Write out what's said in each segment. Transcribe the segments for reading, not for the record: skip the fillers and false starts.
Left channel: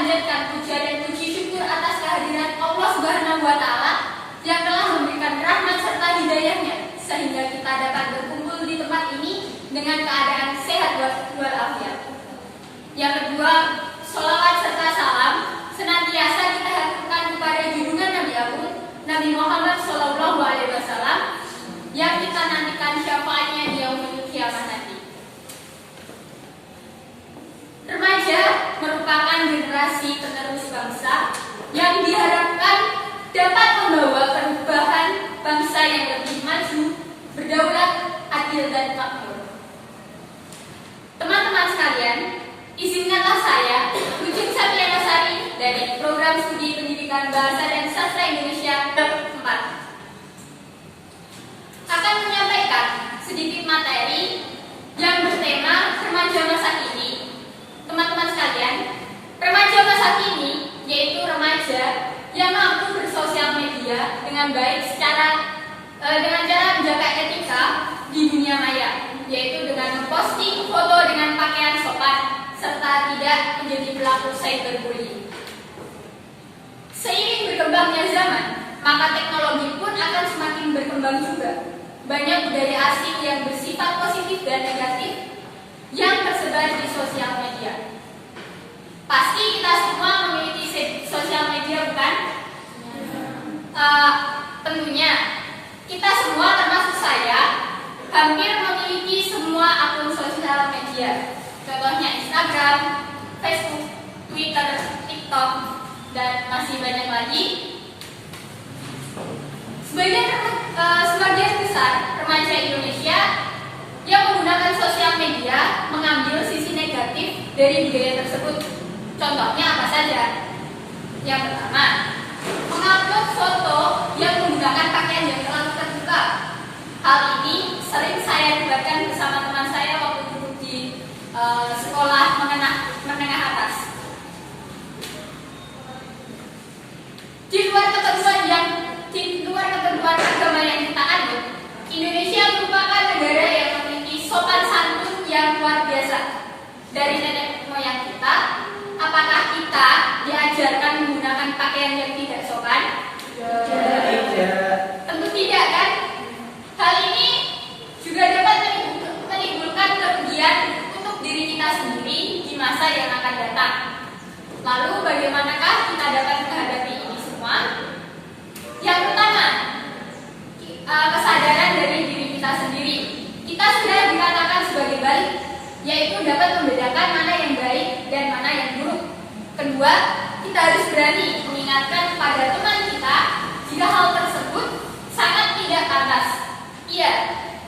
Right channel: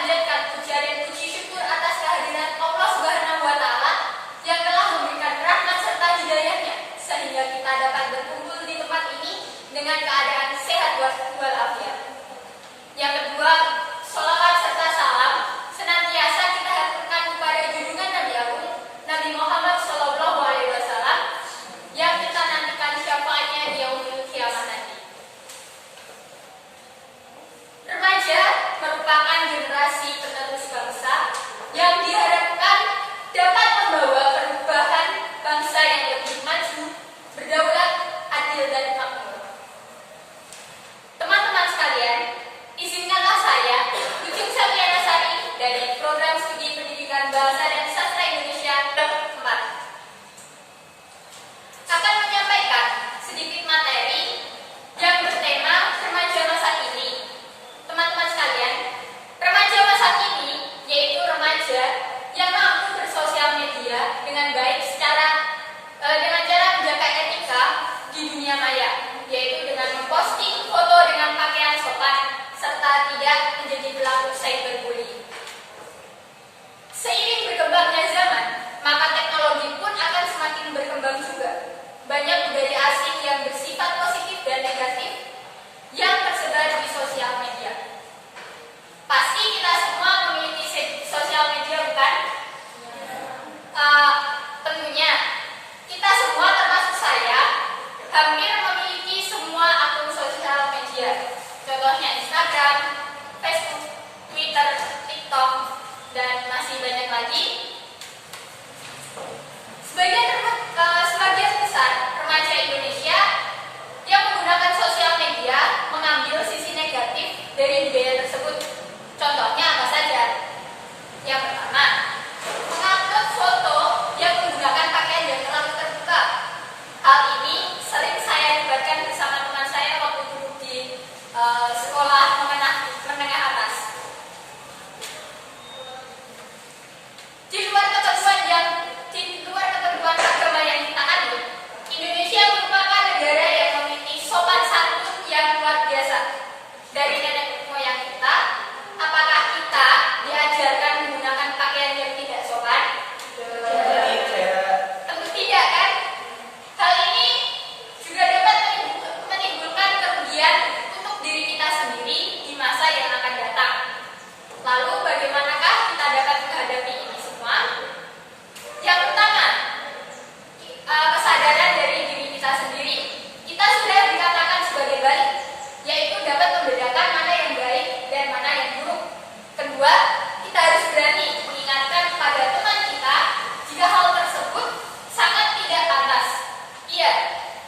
memanjatkan puja dan puji syukur atas kehadiran Allah Subhanahu wa Ta'ala yang telah memberikan rahmat serta hidayahnya sehingga kita dapat berkumpul di tempat ini dengan keadaan sehat walafiat. Yang kedua, sholawat serta salam senantiasa kita haturkan kepada junjungan Nabi Agung Nabi Muhammad SAW yang kita nantikan syafaatnya di yaumil kiamat nanti. Remaja merupakan generasi penerus bangsa yang diharapkan dapat membawa perubahan bangsa yang lebih maju, berdaulat, adil, dan makmur. Teman-teman sekalian, izinkanlah saya, Ujung Satriana Sari dari Program Studi Pendidikan Bahasa dan Sastra Indonesia 4 akan menyampaikan sedikit materi yang bertema remaja masa kini. Teman-teman sekalian, remaja masa kini yaitu remaja yang mampu bersosial media dengan baik dengan cara menjaga etika di dunia maya, yaitu dengan memposting foto dengan pakaian sopan serta tidak menjadi pelaku cyberbullying. Seiring berkembangnya zaman, maka teknologi pun akan semakin berkembang juga. Banyak budaya asing yang bersifat positif dan negatif yang tersebar di sosial media. Pasti kita semua memiliki sosial media, bukan? Tentunya kita semua termasuk saya hampir memiliki semua akun sosial media. Contohnya Instagram, Facebook, Twitter, TikTok, dan masih banyak lagi. Sebagian besar remaja Indonesia yang menggunakan sosial media mengambil sisi negatif dari budaya tersebut. Contohnya apa saja? Yang pertama, mengupload foto yang menggunakan pakaian yang terlalu terbuka. Hal ini sering saya debatkan bersama teman saya waktu dulu di sekolah menengah atas. Di luar ketentuan agama yang kita anut, Indonesia merupakan negara yang memiliki sopan santun yang luar biasa. Dari nenek moyang kita, apakah kita diajarkan menggunakan pakaian yang tidak sopan? Tidak. Tentu tidak, kan? Hal ini juga dapat menimbulkan kerugian untuk diri kita sendiri di masa yang akan datang. Lalu bagaimanakah kita dapat menghadapi ini semua? Yang pertama, kesadaran dari diri kita sendiri. Kita sudah dikatakan sebagai baik, yaitu dapat membedakan mana yang baik dan mana yang buruk. Kedua, kita harus berani mengingatkan pada teman kita jika hal tersebut sangat tidak pantas. Iya,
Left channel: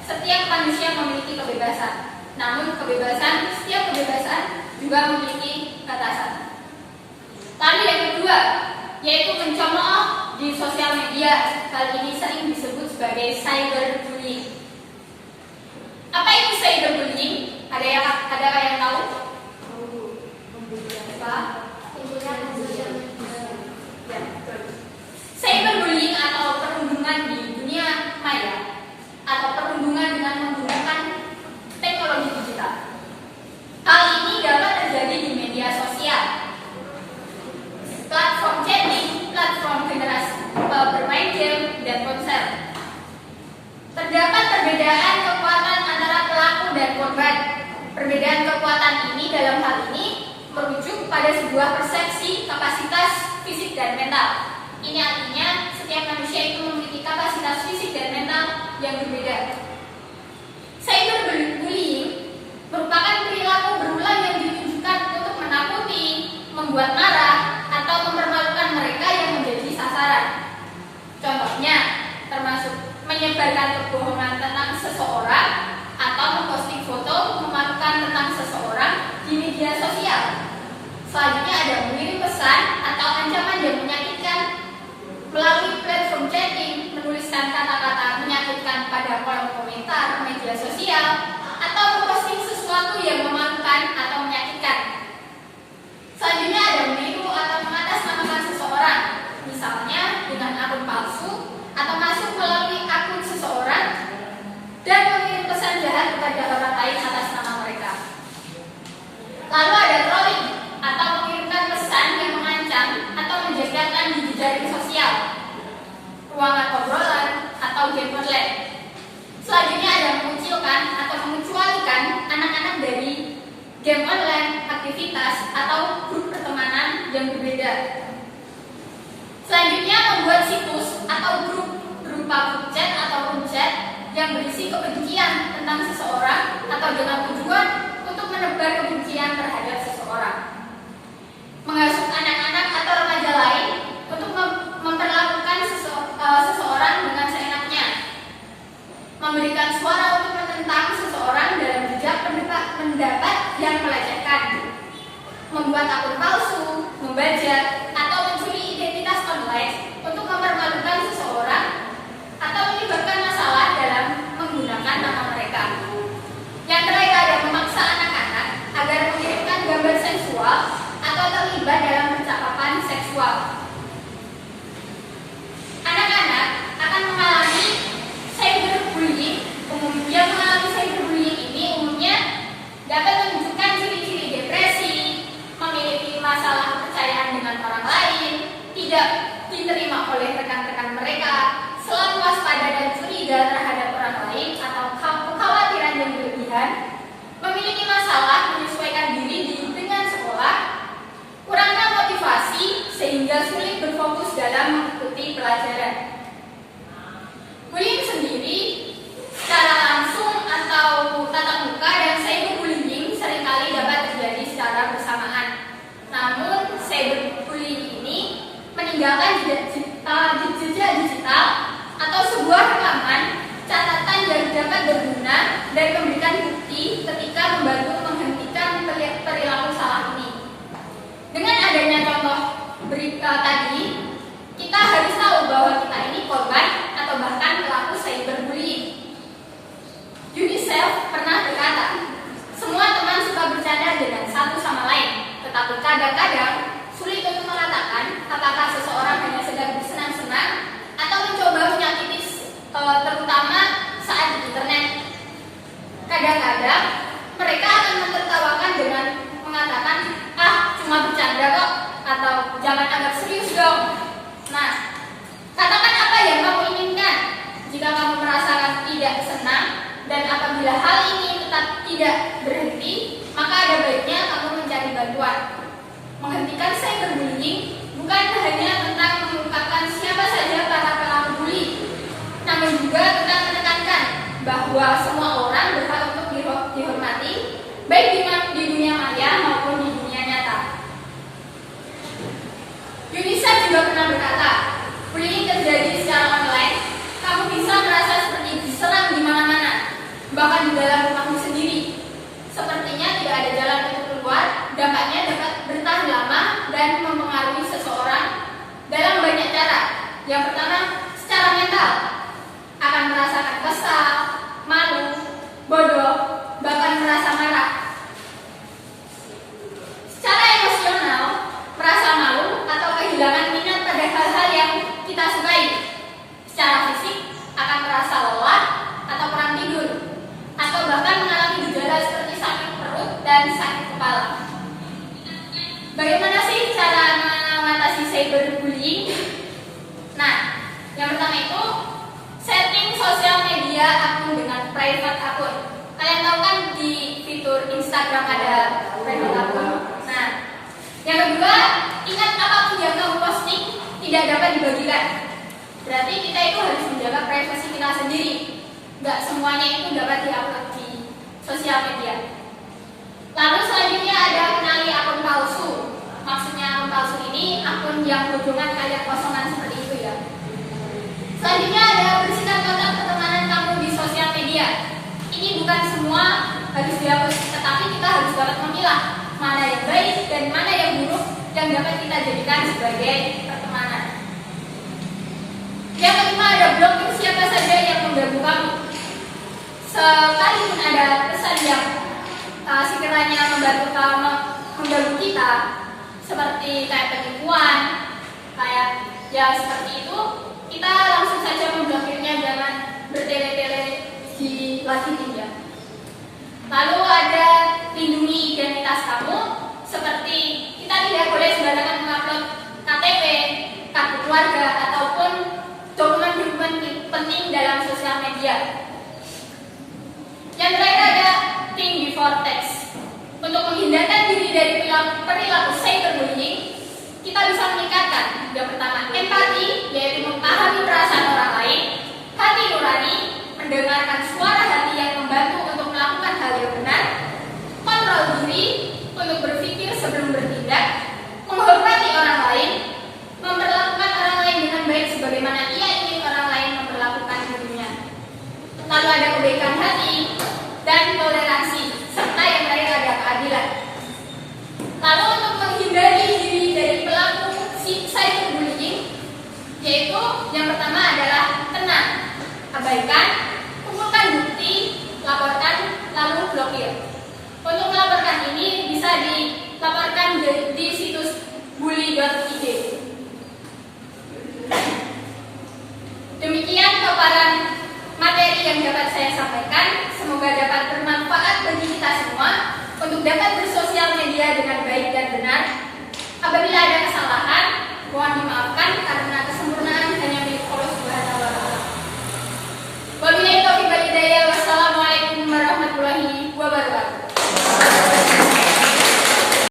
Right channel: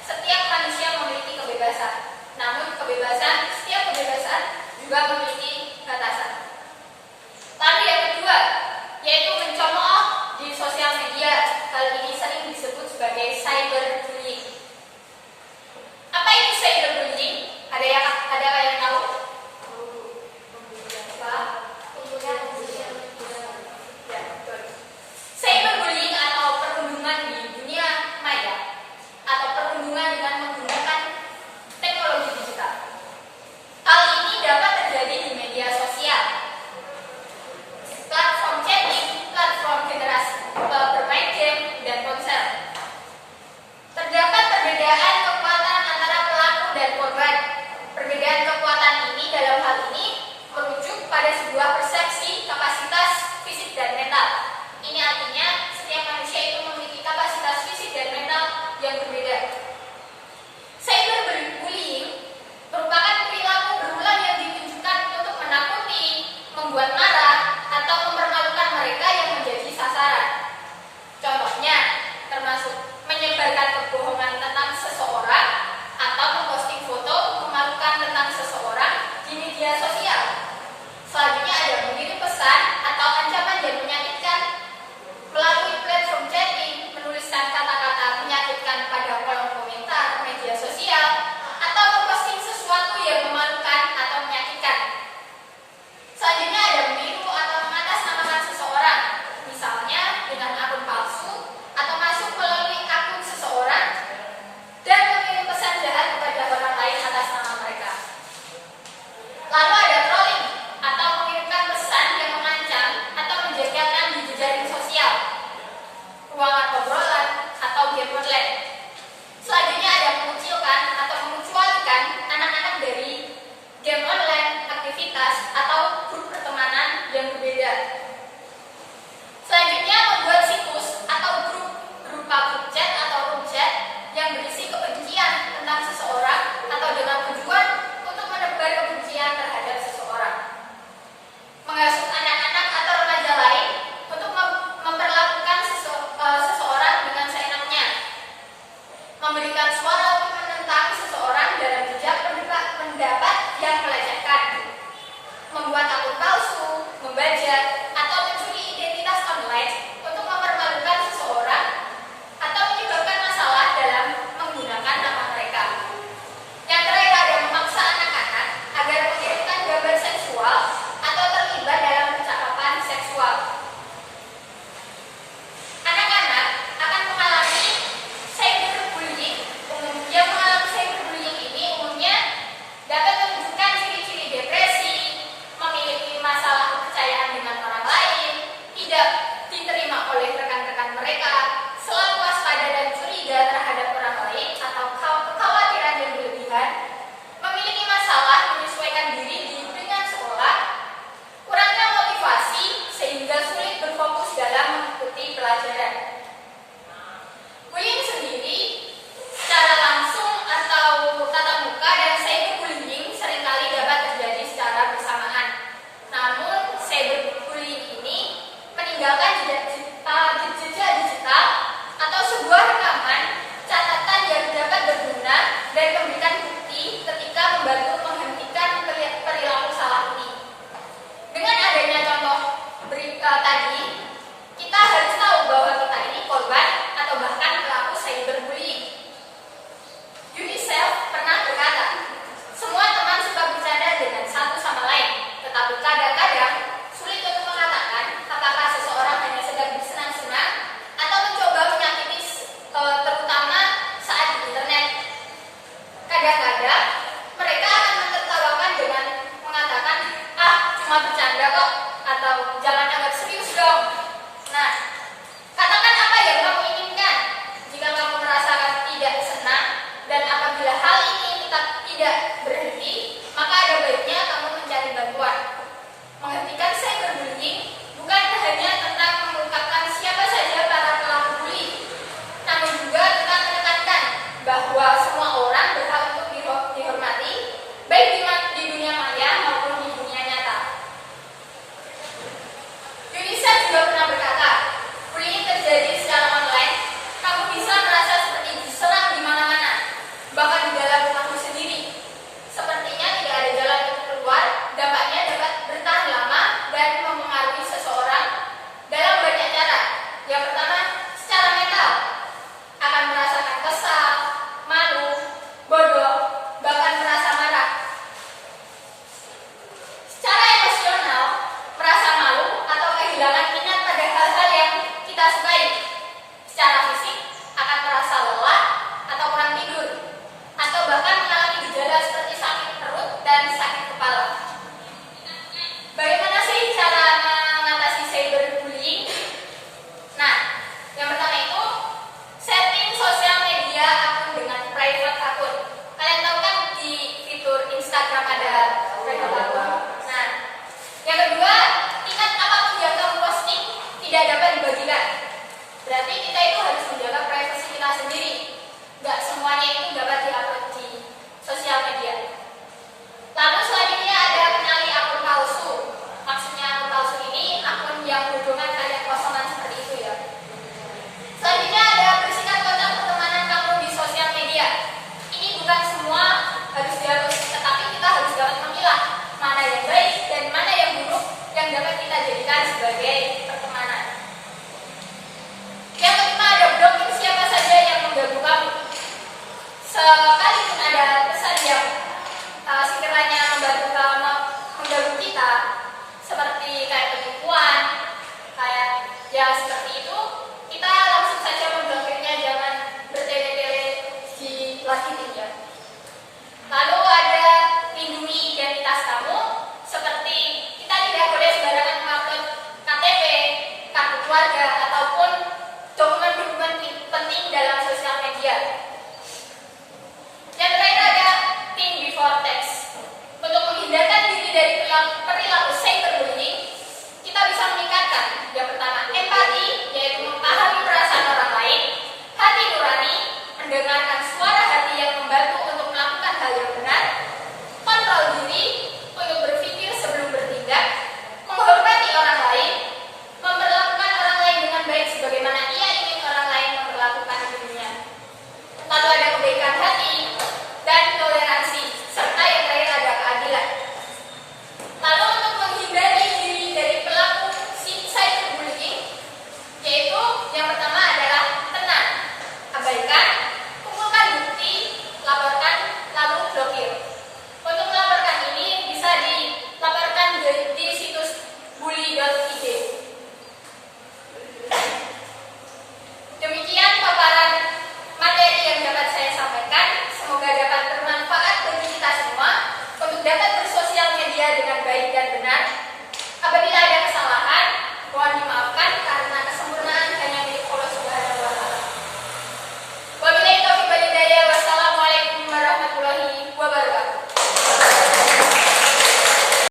setiap manusia memiliki kebebasan. Namun setiap kebebasan juga memiliki batasan. Lalu yang kedua, yaitu mencemooh di sosial media. Hal ini sering disebut sebagai cyberbullying. Apa itu cyberbullying? Ada yang tahu? Ya, betul. Cyberbullying atau perundungan di dunia maya atau perundungan dengan menggunakan teknologi digital. Hal ini dapat terjadi di media sosial, platform chatting, platform generasi bermain game, dan ponsel. Terdapat perbedaan kekuatan antara pelaku dan korban. Perbedaan kekuatan ini dalam hal ini merujuk pada sebuah persepsi kapasitas fisik dan mental. Ini artinya setiap manusia itu memiliki kapasitas fisik dan mental yang berbeda. Cyberbullying merupakan perilaku berulang yang ditujukan untuk menakuti, membuat marah, atau mempermalukan mereka yang menjadi sasaran. Contohnya termasuk menyebarkan kebohongan tentang seseorang atau memposting foto memalukan tentang seseorang di media sosial. Selanjutnya ada mengirim pesan atau ancaman yang menyakitkan melalui platform chatting, menuliskan kata-kata menyakitkan pada kolom komentar media sosial, atau memposting sesuatu yang memalukan atau menyakitkan. Selanjutnya ada meniru atau mengatasnamakan seseorang, misalnya dengan akun palsu atau masuk melalui akun seseorang dan mengirim pesan jahat kepada orang lain atas nama mereka. Lalu ada trolling atau mengirimkan pesan yang jaring sosial, ruangan obrolan, atau game online. Selanjutnya ada mengucilkan atau mengecualikan anak-anak dari game online, aktivitas, atau grup pertemanan yang berbeda. Selanjutnya membuat situs atau grup berupa grup chat atau room chat yang berisi kebencian tentang seseorang atau dengan tujuan untuk menebar kebencian terhadap seseorang. Menghasut anak-anak atau remaja lain untuk memperlakukan seseorang dengan seenaknya. Memberikan suara untuk menentang seseorang dalam jejak pendapat yang melecehkan. Membuat akun palsu, membajak, atau mencuri identitas online untuk mempermalukan seseorang atau menyebabkan masalah dalam menggunakan nama mereka. Yang terakhir ada memaksa anak-anak agar mengirimkan gambar seksual atau terlibat dalam percakapan seksual. Anak-anak akan mengalami cyberbullying. Yang mengalami cyberbullying ini umumnya dapat menunjukkan ciri-ciri depresi, memiliki masalah kepercayaan dengan orang lain, tidak diterima oleh rekan-rekan mereka, selalu waspada dan curiga terhadap orang lain atau kekhawatiran yang berlebihan, memiliki masalah menyesuaikan diri dengan sekolah, kurangnya motivasi sehingga sulit berfokus dalam mengikuti pelajaran. Bullying sendiri secara langsung atau tatap muka dan cyberbullying seringkali dapat terjadi secara bersamaan. Namun cyberbullying ini meninggalkan jejak digital atau sebuah rekaman catatan yang dapat berguna dan memberikan bukti ketika membantu menghentikan perilaku salah ini. Dengan adanya contoh tadi, kita harus tahu bahwa kita ini korban atau bahkan pelaku cyberbullying. UNICEF pernah berkata, semua teman suka bercanda dengan satu sama lain, tetapi kadang-kadang sulit untuk mengatakan apakah seseorang hanya sedang bersenang-senang atau mencoba menyakiti, terutama saat di internet. Kadang-kadang mereka akan menertawakan dengan mengatakan, cuma bercanda kok, atau jangan anggap serius dong. Nah, katakan apa yang kamu inginkan. Jika kamu merasakan tidak senang dan apabila hal ini tetap tidak berhenti, maka ada baiknya kamu mencari bantuan. Menghentikan cyberbullying bukan hanya tentang mengungkapkan siapa saja para pelaku bully, namun juga tentang menekankan bahwa semua orang berhak untuk dihormati, baik di dunia maya maupun di dunia nyata. UNICEF juga pernah berkata, bullying terjadi secara online, kamu bisa merasa seperti diserang di mana-mana, bahkan di dalam rumahmu sendiri. Sepertinya tidak ada jalan untuk keluar, dampaknya dapat bertahan lama dan mempengaruhi seseorang dalam banyak cara. Yang pertama, secara mental, akan merasakan kesal, malu, bodoh, bahkan merasa marah. Secara emosional, merasa malu atau kehilangan minat pada hal-hal yang kita sukai. Secara fisik, akan merasa lelah atau kurang tidur, atau bahkan mengalami gejala seperti sakit perut dan sakit kepala. Bagaimana sih cara mengatasi cyberbullying? Nah, yang pertama itu setting sosial media akun dengan private akun. Kalian tahu kan di fitur Instagram ada private akun. Nah, yang kedua, ingat apapun yang kamu posting tidak dapat dibagikan. Berarti kita itu harus menjaga privasi kita sendiri. Nggak semuanya itu dapat diupload di sosial media. Lalu selanjutnya ada kenali akun palsu. Maksudnya akun palsu ini akun yang bojongan kayak kosongan seperti itu ya. Selanjutnya ada bersihkan kontak pertemanan kamu di sosial media. Ini bukan semua harus dihapus, tetapi kita harus dapat memilah mana yang baik dan mana yang buruk yang dapat kita jadikan sebagai pertemanan. Yang kelima ada blokir siapa saja yang mengganggu kamu. Sekalipun ada pesan yang sekiranya mengganggu kita, seperti kayak penipuan, kayak ya seperti itu, kita langsung saja memblokirnya, jangan bertele-tele di lanjutin ya. Lalu ada lindungi identitas kamu, seperti kita tidak boleh sembarangan mengupload KTP, kartu keluarga ataupun dokumen-dokumen penting dalam sosial media. Yang terakhir ada think before text. Untuk menghindarkan diri dari perilaku cyberbullying, kita bisa meningkatkan yang pertama empati, yaitu memahami perasaan orang lain, hati nurani, mendengarkan suara hati yang membantu untuk melakukan hal yang benar, kontrol diri untuk berpikir sebelum bertindak, menghormati orang lain, memperlakukan orang lain dengan baik sebagaimana ia ingin orang lain memperlakukan dirinya. Lalu ada kebaikan hati dan toleransi, serta yang terakhir ada keadilan. Lalu untuk menghindari diri dari pelaku cyberbullying, yaitu yang pertama adalah tenang, abaikan, kumpulkan bukti, laporkan, lalu blokir. Untuk melaporkan ini bisa dilaporkan di situs bully.id. Demikian paparan materi yang dapat saya sampaikan. Semoga dapat bermanfaat bagi kita semua untuk dapat bersosial media dengan baik dan benar.